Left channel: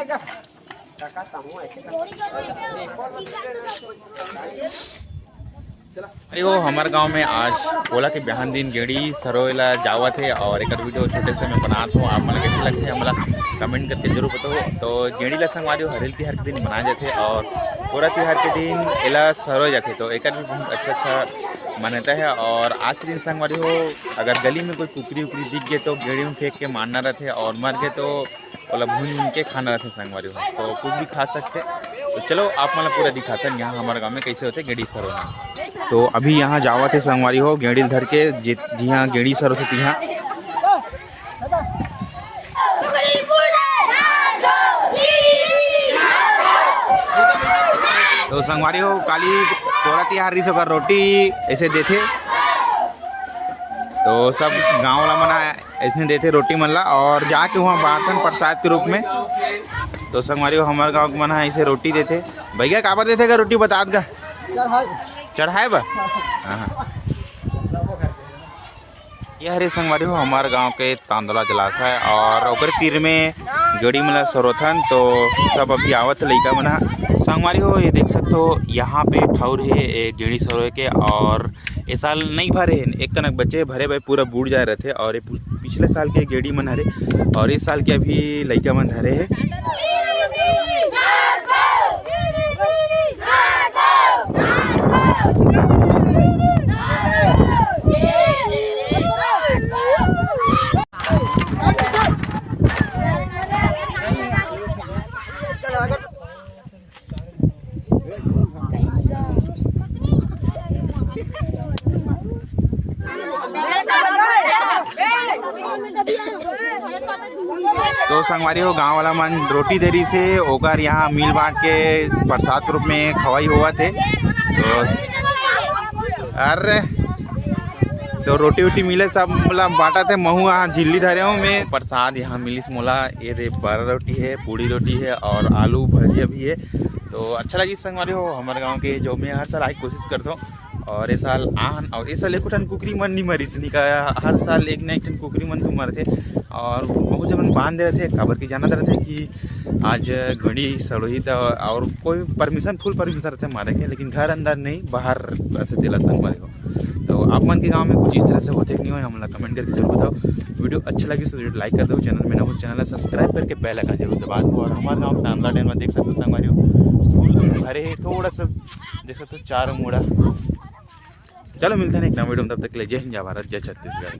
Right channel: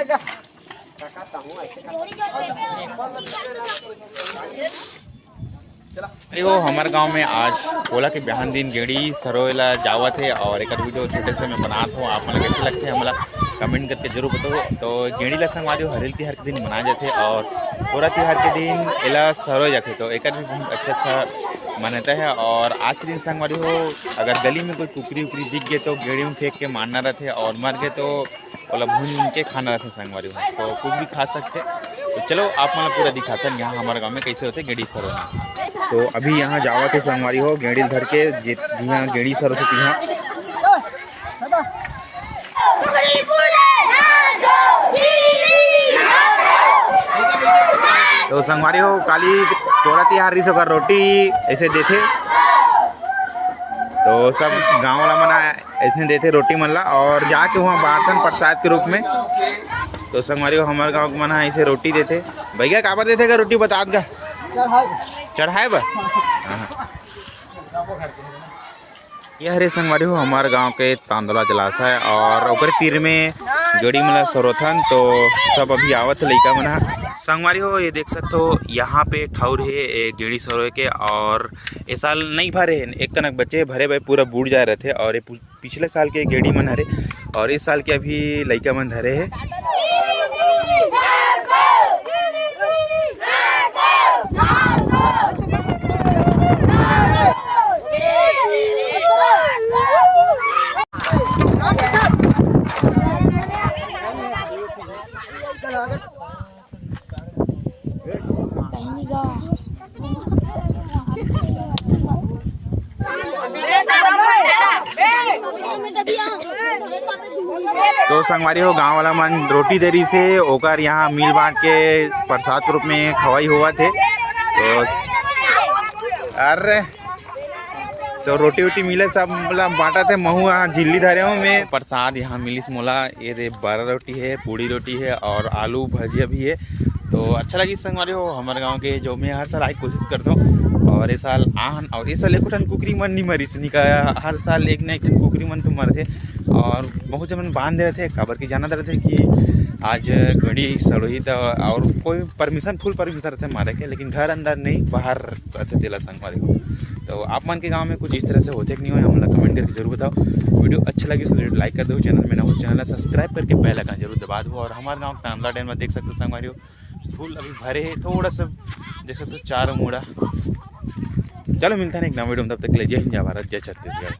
अरे वो हमारे गांव में आज पोला के बिहान दिन गेड़ी सरोला जावत है और एक वीडियो छोटे से मैं बनाता हूँ। आप मन कैसे लगते हैं हमारा कमेंट करके जरूर बताओ। तो गेड़ी ला संगवारी हरेल तिहार के दिन मनाए जाते और पोला तिहार के दिन एला सरो जाते, तो एक भी बहुत अच्छा मान्यता है। और आज के दिन संगवारी हो अगर गली में कोई कुकरी उकरी दिख गए तो गेड़ी में फेंक के मारना रहते और मर गए तो ओला भून के खाना रहते संगवारी हो, तो कुछ भी खा सकते। तो चलो आप मतलब पूरा दिखाते हैं यहाँ हमारे गाँव में कैसे होते गेड़ी सरो। तो अभी यहाँ जावत है संगवारी हो गेड़ी धर के जहाँ गेड़ी सर होती यहाँ। तो संगवारी हो काली पोला तिहार रिस होकर रोटी ऐसे देते, तो सब गांव वाला मना ऐसे देते रोटी मनला और जाके वहाँ बांटन प्रसाद के रूप में। तो संगवारी हो हमारे गाँव मना ऐसे रोटी देते। भैया काबर देते का रोटी बता दा चढ़ाए बा। यह हरे संगवारी हो हमारे गांव के तांदला जलाशय और ओकर तीर में गेड़ी मन सरोथन, तो सब अभी आवत लइका मना संगवारी हो। ये देख सकते हो यहाँ पे ठाउर है एक गेड़ी सरो के, और ये साल नहीं भरे एक कनक बच्चे भरे भाई पूरा बूढ़ जाए रहे थे। और ये पिछले साल के गेड़ी मन हरे और इस साल के अभी लइका मन धरे है। तो संगवारी हो गांव वाला मन रोटी देरी से ओकर यहाँ मिल बांट के प्रसाद के रूप में खवाई हुआ थे। तो अरे तो रोटी वोटी मिले सब मतलब बांटा थे। महू यहाँ झिल्ली धरे हूँ मैं प्रसाद यहाँ मिली मोला। ये रे 12 रोटी है, पूड़ी रोटी है और आलू भजिया भी है। तो अच्छा लगी संगवारी हो हमारे गांव के, जो मैं हर साल आई कोशिश करता हूँ। और ये साल आहन और ये साल एक ठन कुकरी मन नहीं मरी का, हर साल एक न एक ठन कुकरी मन तो मरते और बहुत जन बांध दे रहे थे काबर की जाना रहते कि आज घड़ी सड़ोही था और कोई परमिशन फुल परमिशन रहते मारे के, लेकिन घर अंदर नहीं बाहर रहते तेला संगवारी हो। तो आप मन के गांव में कुछ इस तरह से होते कि नहीं हो हमला कमेंट करके जरूर बताओ। वीडियो अच्छा लगी तो वीडियो लाइक कर दो, चैनल में ना हो चैनल सब्सक्राइब करके बेल आइकन जरूर दबा दो। और हमारे गाँव तांदला डैम में देख सकते हो संगवारी हो फुल भरे है, थोड़ा सा देख सकते हो चारों मोड़ा। चलो मिलता है एक नया वीडियो में, तब तक के लिए जय हिंद जय भारत जय छत्तीसगढ़।